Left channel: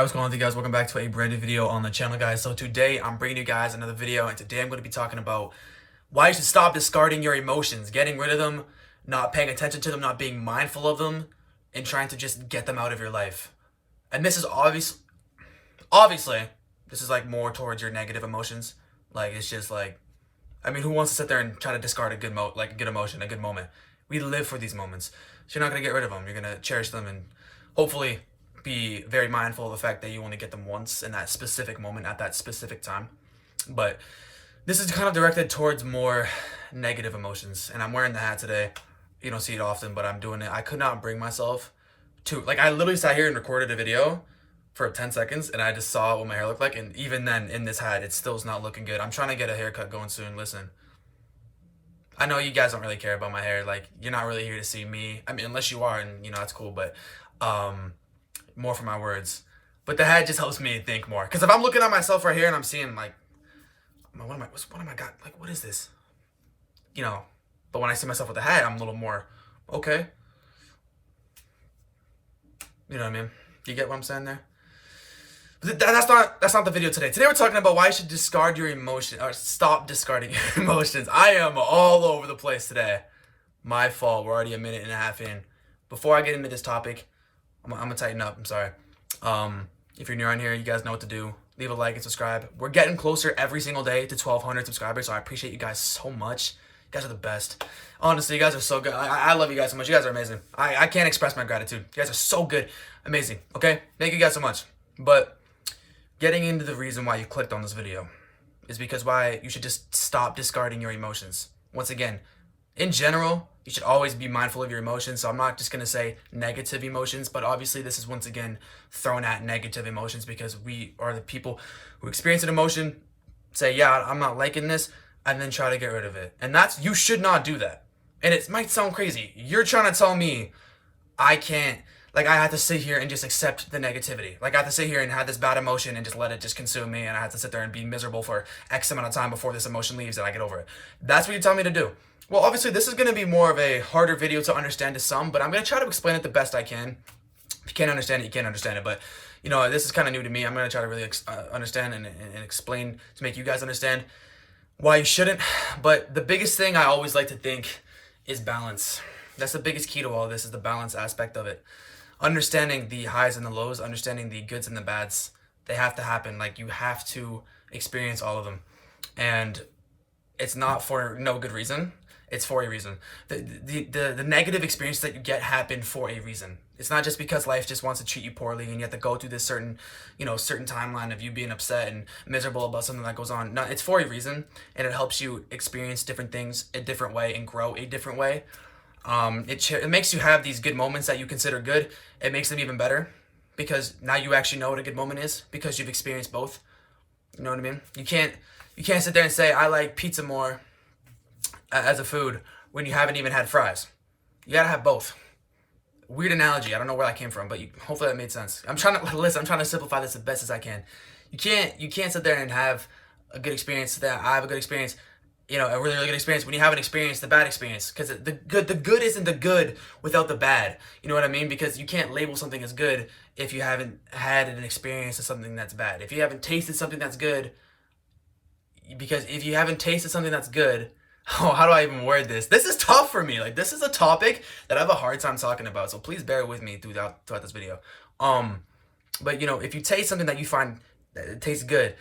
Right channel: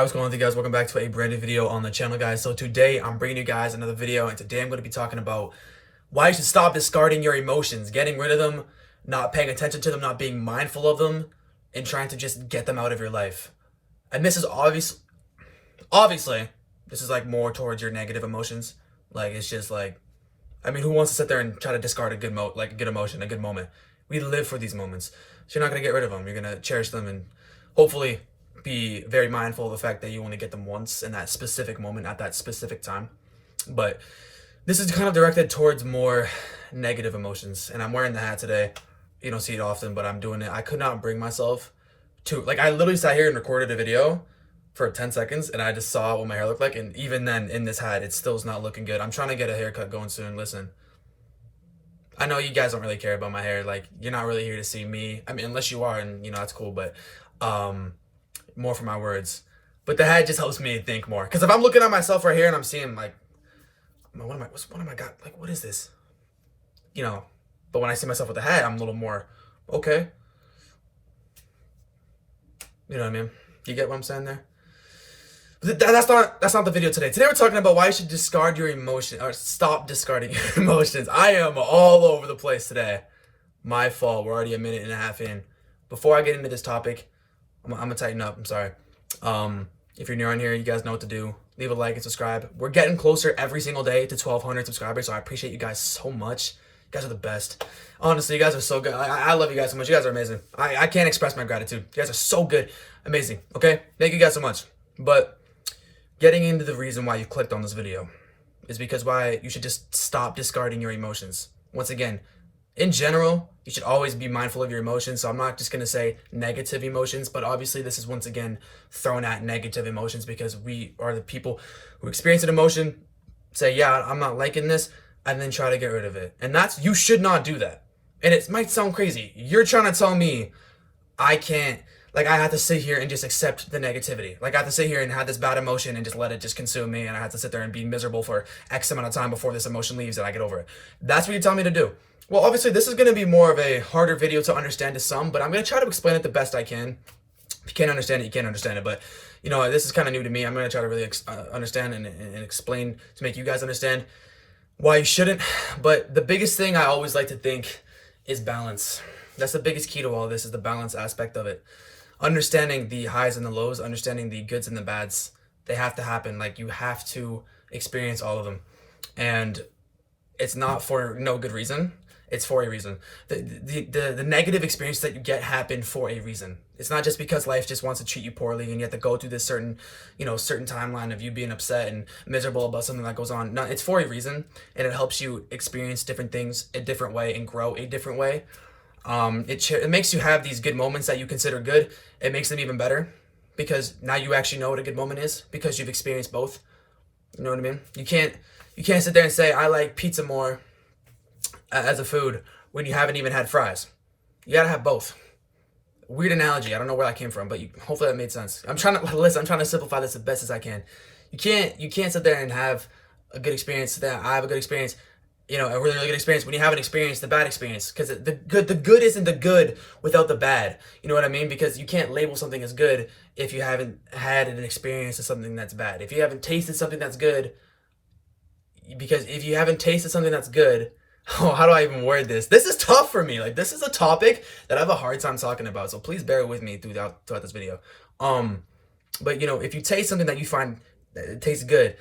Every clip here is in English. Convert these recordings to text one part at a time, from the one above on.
Hi, what's going on with you guys? Welcome back to a brand new video on the channel, guys. So today I'm bringing you guys another video, and today I'm going to be talking about why you should stop discarding your emotions, getting rid of them, not paying attention to them, not being mindful of them, and trying to just get them out of your life. And this is obviously, this is like more towards your negative emotions. Like, it's just like, I mean, who wants to sit there and try to discard a good emotion, a good moment? We live for these moments. So you're not going to get rid of them. You're going to cherish them and hopefully be very mindful of the fact that you only get them once in that specific moment at that specific time. But this is kind of directed towards more negative emotions, and I'm wearing the hat today. You don't see it often, but I'm doing it. I could not bring myself to, like, I literally sat here and recorded a video for 10 seconds and I just saw what my hair looked like, and even then in this hat it still is not looking good. I'm trying to get a haircut going soon. Listen, I know you guys don't really care about my hair. Like, you're not really here to see me. I mean, unless you are, and you know, that's cool, but more for my words. But the hat just helps me think more, because if I'm looking at myself right here and I'm seeing like, what am I got, like, what is this, you know? But when I see myself with the hat, I'm a little more okay, you know what I mean? You get what I'm saying there? But that's not the video today. Today we're talking about why you should discard your emotion, or stop discarding your emotions. I am all over the place today. My fault. We're already a minute and a half in. Before I get into this topic, I'm gonna tighten up. I'm sorry. If you're new on here, you guys know what to do. Leave a like and subscribe. We're getting closer every single day to 1,200 subscribers, so I appreciate you guys so much. You guys are the best. Honestly, you guys are so good. I love you guys so much. You guys are amazing. I can't express my gratitude. You guys are so good. Amazing. Okay? Thank you guys so much. But getting into the reason why you clicked on this video is because why you should just stop discarding your emotions. Once again, in general, you should always be mindful of your emotions. So I'm not just going to say negative emotions, but obviously this is once again thrown at negative emotions, because we are the people who experience an emotion, say, yeah, I'm not liking this, and then try to get rid of it. And you should not do that. And it might sound crazy. You're trying to tell me I can't, like, I have to sit here and just accept the negativity. Like, I have to sit here and have this bad emotion and just let it just consume me, and I have to sit there and be miserable for X amount of time before this emotion leaves and I get over it. That's what you tell me to do. Well, obviously, this is going to be more of a harder video to understand to some, but I'm going to try to explain it the best I can. If you can't understand it, you can't understand it. But, you know, this is kind of new to me. I'm going to try to really understand and explain to make you guys understand why you shouldn't. But the biggest thing I always like to think is balance. That's the biggest key to all of this, is the balance aspect of it. Understanding the highs and the lows, understanding the goods and the bads, they have to happen. Like, you have to experience all of them. And it's not for no good reason. It's for a reason. The negative experience that you get happen for a reason. It's not just because life just wants to treat you poorly and you have to go through this certain timeline of you being upset and miserable about something that goes on. No, it's for a reason, and it helps you experience different things a different way and grow a different way. It makes you have these good moments that you consider good. It makes them even better, because now you actually know what a good moment is, because you've experienced both. You know what I mean? You can't sit there and say, I like pizza more as a food when you haven't even had fries. You gotta have both. Weird analogy. I don't know where that came from, but hopefully that made sense. I'm trying to simplify this as best as I can. You can't sit there and have a good experience, that I have a good experience, you know, a really, really good experience, when you haven't experienced the bad experience. Because the good isn't the good without the bad. You know what I mean? Because you can't label something as good if you haven't had an experience of something that's bad. If you haven't tasted something that's good, because if you haven't tasted something that's good, oh, how do I even word this? This is tough for me. Like, this is a topic that I have a hard time talking about. So please bear with me throughout this video. But, you know, if you taste something that you find that it tastes good,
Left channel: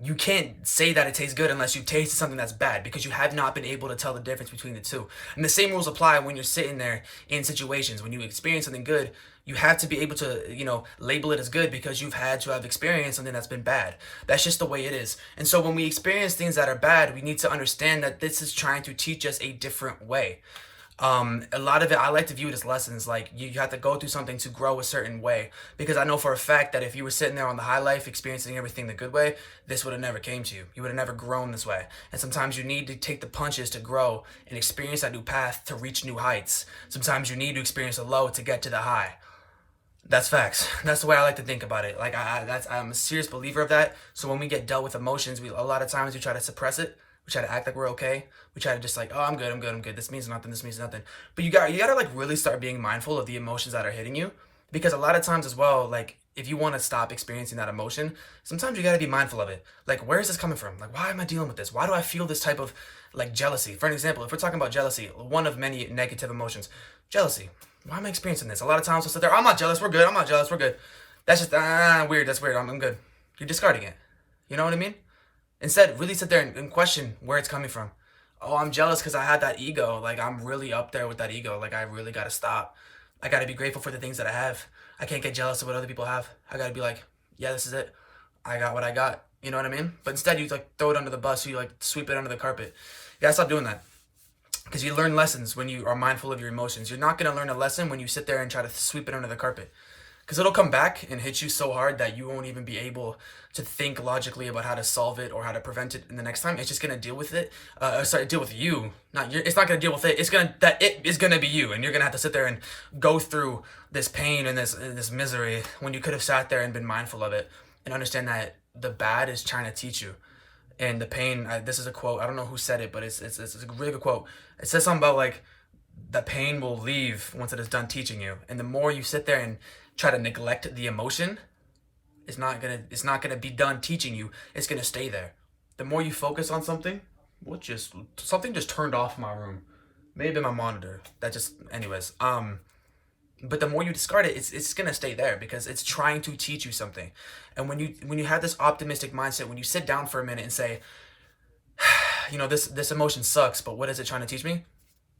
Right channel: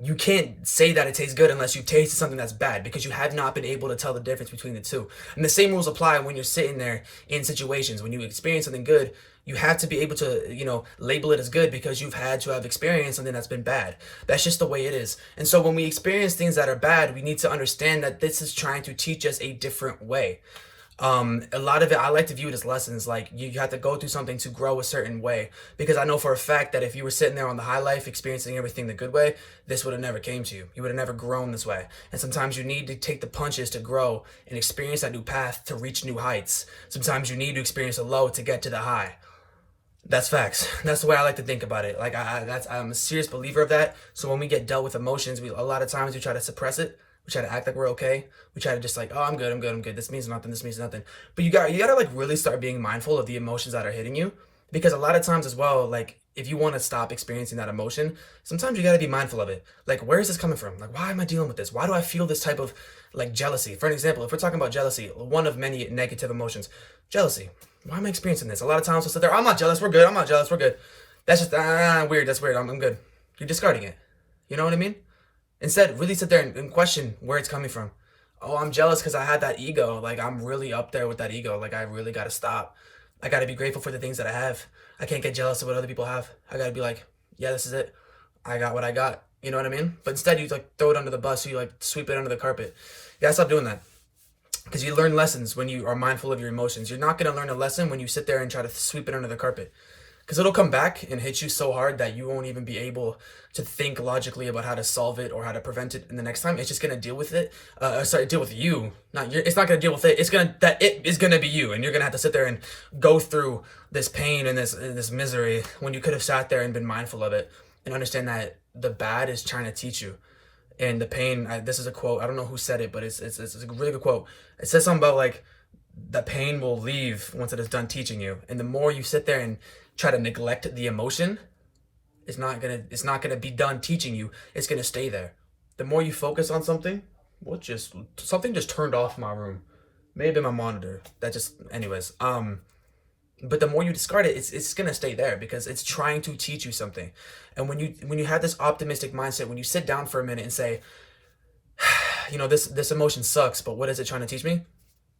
you can't say that it tastes good unless you've tasted something that's bad, because you have not been able to tell the difference between the two. And the same rules apply when you're sitting there in situations. When you experience something good, you have to be able to, you know, label it as good, because you've had to have experienced something that's been bad. That's just the way it is. And so when we experience things that are bad, we need to understand that this is trying to teach us a different way. A lot of it, I like to view it as lessons. Like, you have to go through something to grow a certain way, because I know for a fact that if you were sitting there on the high life experiencing everything the good way, this would have never came to you. You would have never grown this way. And sometimes you need to take the punches to grow and experience that new path to reach new heights. Sometimes you need to experience a low to get to the high. That's facts. That's the way I like to think about it. Like, I'm a serious believer of that. So when we get dealt with emotions, a lot of times we try to suppress it. We try to act like we're okay. We try to just like, oh, I'm good. This means nothing. This means nothing. But you gotta like really start being mindful of the emotions that are hitting you. Because a lot of times as well, like if you want to stop experiencing that emotion, sometimes you got to be mindful of it. Like, where is this coming from? Like, why am I dealing with this? Why do I feel this type of like jealousy? For an example, if we're talking about jealousy, one of many negative emotions, jealousy. Why am I experiencing this? A lot of times we'll sit there, I'm not jealous, we're good. I'm not jealous, we're good. That's just weird. That's weird. I'm good. You're discarding it. You know what I mean? Instead, really sit there and question where it's coming from. Oh, I'm jealous because I had that ego. Like, I'm really up there with that ego. Like, I really got to stop. I got to be grateful for the things that I have. I can't get jealous of what other people have. I got to be like, yeah, this is it. I got what I got. You know what I mean? But instead, you like throw it under the bus. You like sweep it under the carpet. You gotta stop doing that. Because you learn lessons when you are mindful of your emotions. You're not going to learn a lesson when you sit there and try to sweep it under the carpet. Because it'll come back and hit you so hard that you won't even be able to think logically about how to solve it or how to prevent it in the next time. It's just going to deal with it. Deal with you. It's not going to deal with it. It is going to be you. And you're going to have to sit there and go through this pain and this misery when you could have sat there and been mindful of it and understand that the bad is trying to teach you. And the pain, this is a quote, I don't know who said it, but it's a really good quote. It says something about like, the pain will leave once it is done teaching you. And the more you sit there and try to neglect the emotion, it's not gonna be done teaching you. It's gonna stay there. The more you focus on something, something just turned off my room. Maybe my monitor. Anyways. But the more you discard it, it's gonna stay there because it's trying to teach you something. And when you have this optimistic mindset, when you sit down for a minute and say, you know, this emotion sucks, but what is it trying to teach me?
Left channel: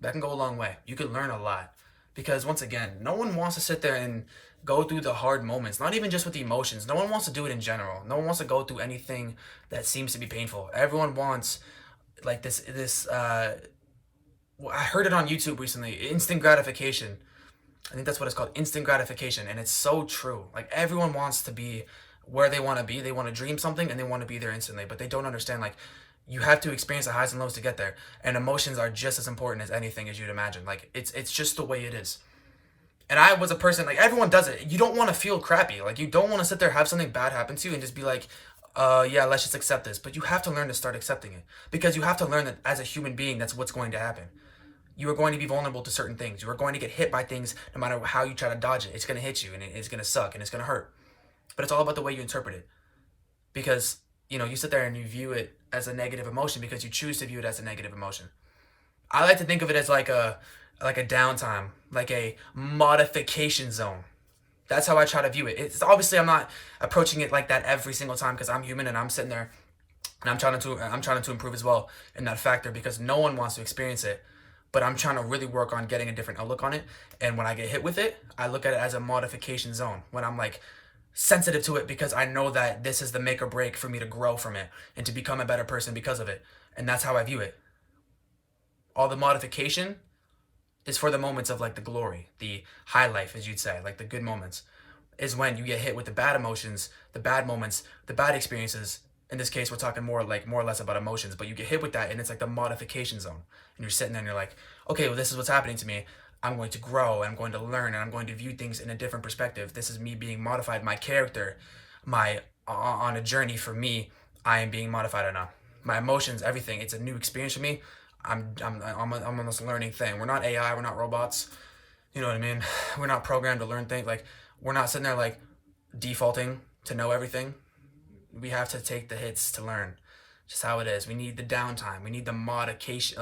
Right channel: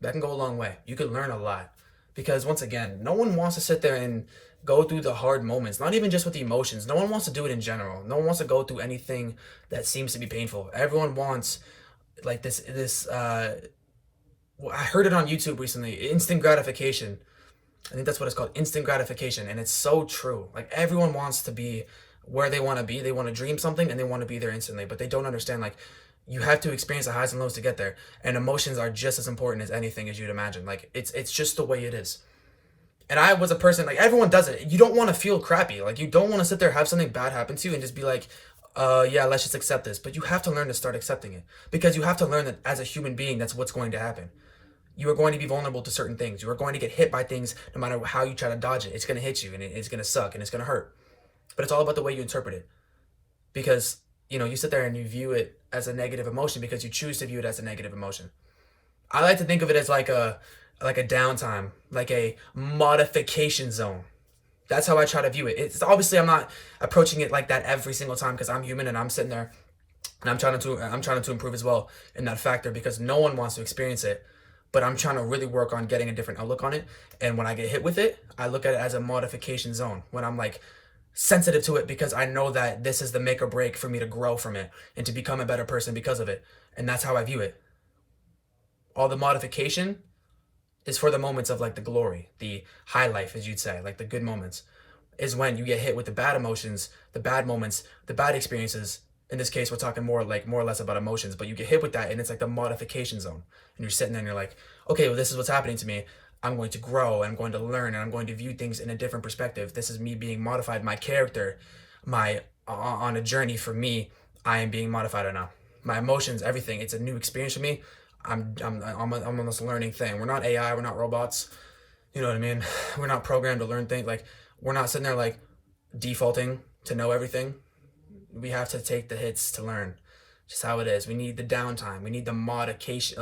That can go a long way. You can learn a lot. Because once again, no one wants to sit there and go through the hard moments, not even just with the emotions. No one wants to do it in general. No one wants to go through anything that seems to be painful. Everyone wants like I heard it on YouTube recently, instant gratification. I think that's what it's called, instant gratification. And it's so true. Like everyone wants to be where they want to be. They want to dream something and they want to be there instantly, but they don't understand like you have to experience the highs and lows to get there. And emotions are just as important as anything as you'd imagine. Like it's just the way it is. And I was a person, like everyone does it. You don't want to feel crappy. Like you don't want to sit there, have something bad happen to you and just be like, yeah, let's just accept this. But you have to learn to start accepting it because you have to learn that as a human being, that's what's going to happen. You are going to be vulnerable to certain things. You are going to get hit by things no matter how you try to dodge it. It's going to hit you and it's going to suck and it's going to hurt. But it's all about the way you interpret it. Because, you know, you sit there and you view it as a negative emotion because you choose to view it as a negative emotion. I like to think of it as like a downtime, like a modification zone. That's how I try to view it. It's obviously I'm not approaching it like that every single time because I'm human and I'm sitting there and I'm trying to improve as well in that factor because no one wants to experience it. But I'm trying to really work on getting a different outlook on it. And when I get hit with it, I look at it as a modification zone. When I'm like sensitive to it because I know that this is the make or break for me to grow from it and to become a better person because of it. And that's how I view it. All the modification is for the moments of like the glory, the high life, as you'd say, like the good moments, is when you get hit with the bad emotions, the bad moments, the bad experiences. In this case, we're talking more or less about emotions, but you get hit with that and it's like the modification zone. And you're sitting there and you're like, okay, well, this is what's happening to me. I'm going to grow, I'm going to learn, and I'm going to view things in a different perspective. This is me being modified, my character, on a journey for me, I am being modified right now. My emotions, everything, it's a new experience for me. I'm on this learning thing. We're not AI, we're not robots. You know what I mean? We're not programmed to learn things. Like, we're not sitting there like defaulting to know everything. We have to take the hits to learn. Just how it is. We need the downtime. We need the modification.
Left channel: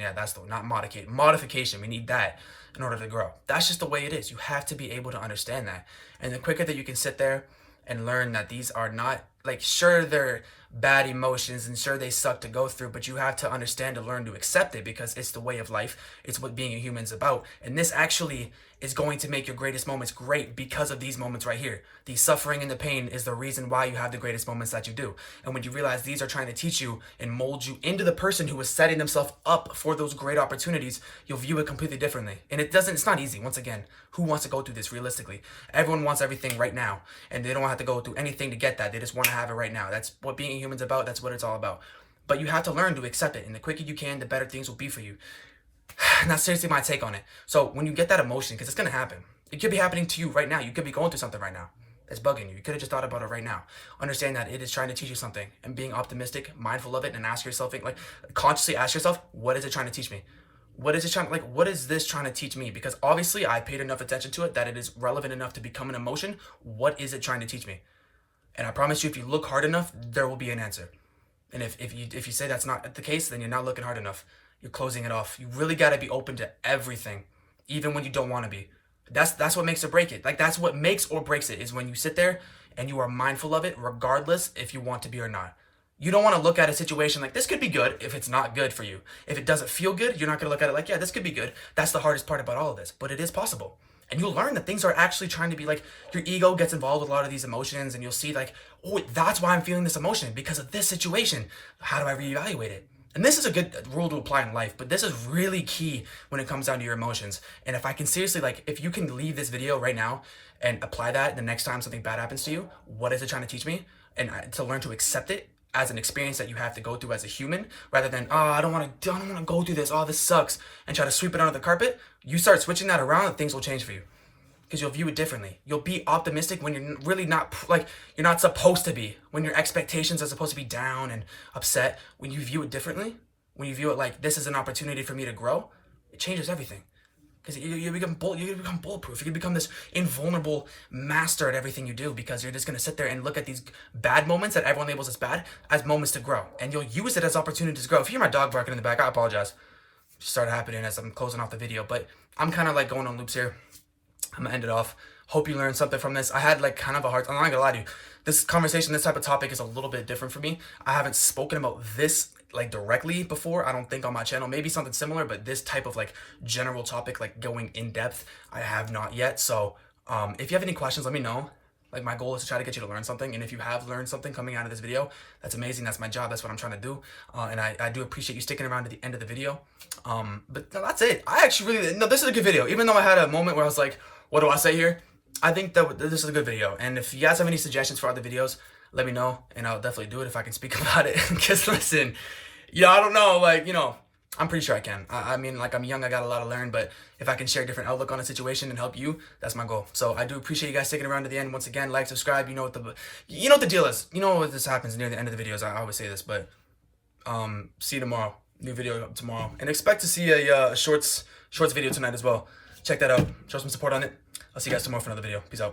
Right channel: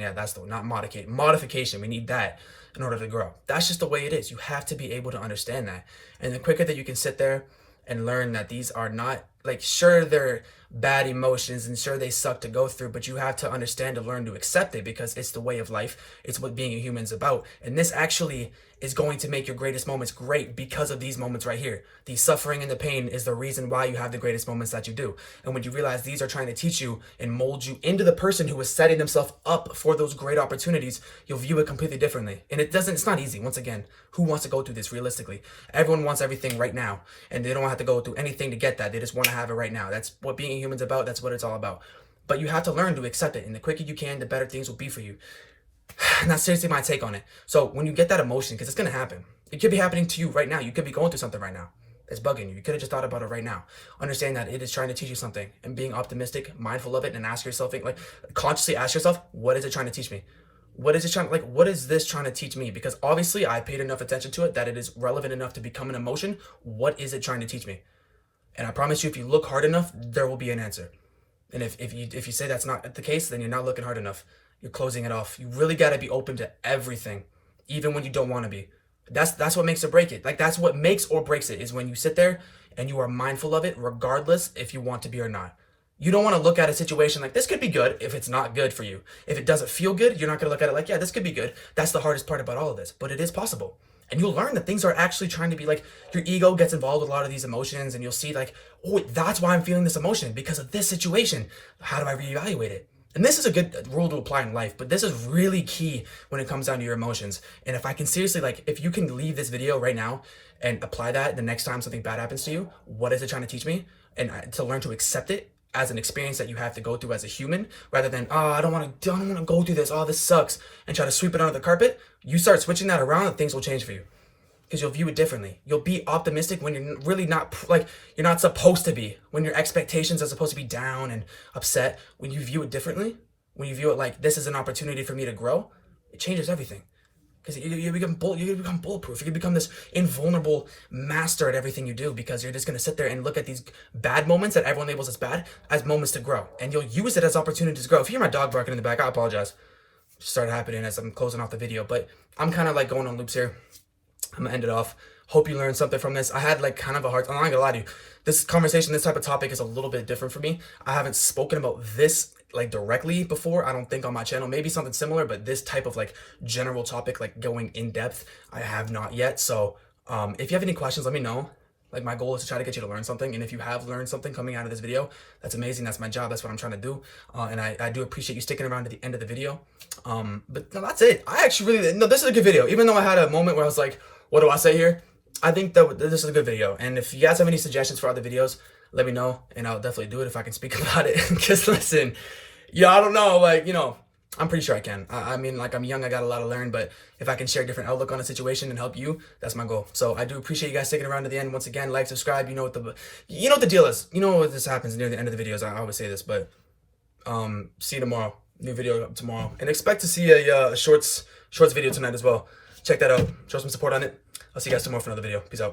Yeah, that's the one, not modicate. Modification. We need that in order to grow. That's just the way it is. You have to be able to understand that. And the quicker that you can sit there and learn that these are not, like, sure, they're bad emotions and sure they suck to go through, but you have to understand to learn to accept it because it's the way of life. It's what being a human is about. And this actually is going to make your greatest moments great because of these moments right here. The suffering and the pain is the reason why you have the greatest moments that you do. And when you realize these are trying to teach you and mold you into the person who is setting themselves up for those great opportunities, you'll view it completely differently. And it's not easy. Once again, who wants to go through this realistically? Everyone wants everything right now, and they don't have to go through anything to get that. They just want to have it right now. That's what being a human's about. That's what it's all about. But you have to learn to accept it. And the quicker you can, the better things will be for you. And that's seriously my take on it. So when you get that emotion, because it's going to happen. It could be happening to you right now. You could be going through something right now. It's bugging you. You could have just thought about it right now. Understand that it is trying to teach you something. And being optimistic, mindful of it, and ask yourself, like, consciously ask yourself, what is it trying to teach me? What is it trying, like, what is this trying to teach me? Because obviously I paid enough attention to it that it is relevant enough to become an emotion. What is it trying to teach me? And I promise you, if you look hard enough, there will be an answer. And if you say that's not the case, then you're not looking hard enough. You're closing it off. You really got to be open to everything, even when you don't want to be. That's what makes or break it. Like, that's what makes or breaks it, is when you sit there and you are mindful of it, regardless if you want to be or not. You don't want to look at a situation like, this could be good, if it's not good for you. If it doesn't feel good, you're not going to look at it like, yeah, this could be good. That's the hardest part about all of this, but it is possible. And you'll learn that things are actually trying to be like, your ego gets involved with a lot of these emotions, and you'll see like, oh, that's why I'm feeling this emotion, because of this situation. How do I reevaluate it? And this is a good rule to apply in life, but this is really key when it comes down to your emotions. And if I can seriously, like, if you can leave this video right now and apply that the next time something bad happens to you, what is it trying to teach me? And to learn to accept it as an experience that you have to go through as a human, rather than, oh, I don't want to go through this, oh, this sucks, and try to sweep it under the carpet. You start switching that around and things will change for you, because you'll view it differently. You'll be optimistic when you're really not, like, you're not supposed to be, when your expectations are supposed to be down and upset. When you view it differently, when you view it like, this is an opportunity for me to grow, it changes everything. Because you become bulletproof. You can become this invulnerable master at everything you do, because you're just going to sit there and look at these bad moments that everyone labels as bad as moments to grow. And you'll use it as opportunities to grow. If you hear my dog barking in the back, I apologize. It started happening as I'm closing off the video, but I'm kind of like going on loops here. I'm gonna end it off. Hope you learned something from this. I had like kind of a hard, I'm not gonna lie to you. This conversation, this type of topic is a little bit different for me. I haven't spoken about this like directly before, I don't think, on my channel. Maybe something similar, but this type of like general topic, like going in depth, I have not yet. So if you have any questions, let me know. Like, my goal is to try to get you to learn something. And if you have learned something coming out of this video, that's amazing. That's my job. That's what I'm trying to do. And I do appreciate you sticking around to the end of the video. But no, that's it. I actually really, no, this is a good video. Even though I had a moment where I was like, what do I say here? I think that this is a good video. And if you guys have any suggestions for other videos, let me know, and I'll definitely do it if I can speak about it. Because listen, yeah, I don't know, like, you know, I'm pretty sure I can. I mean, like, I'm young, I got a lot to learn, but if I can share a different outlook on a situation and help you, that's my goal. So I do appreciate you guys sticking around to the end. Once again, like, subscribe. You know what the deal is. You know what this happens near the end of the videos. I always say this, but see you tomorrow. New video tomorrow, and expect to see a shorts video tonight as well. Check that out. Show some support on it. I'll see you guys tomorrow for another video. Peace out.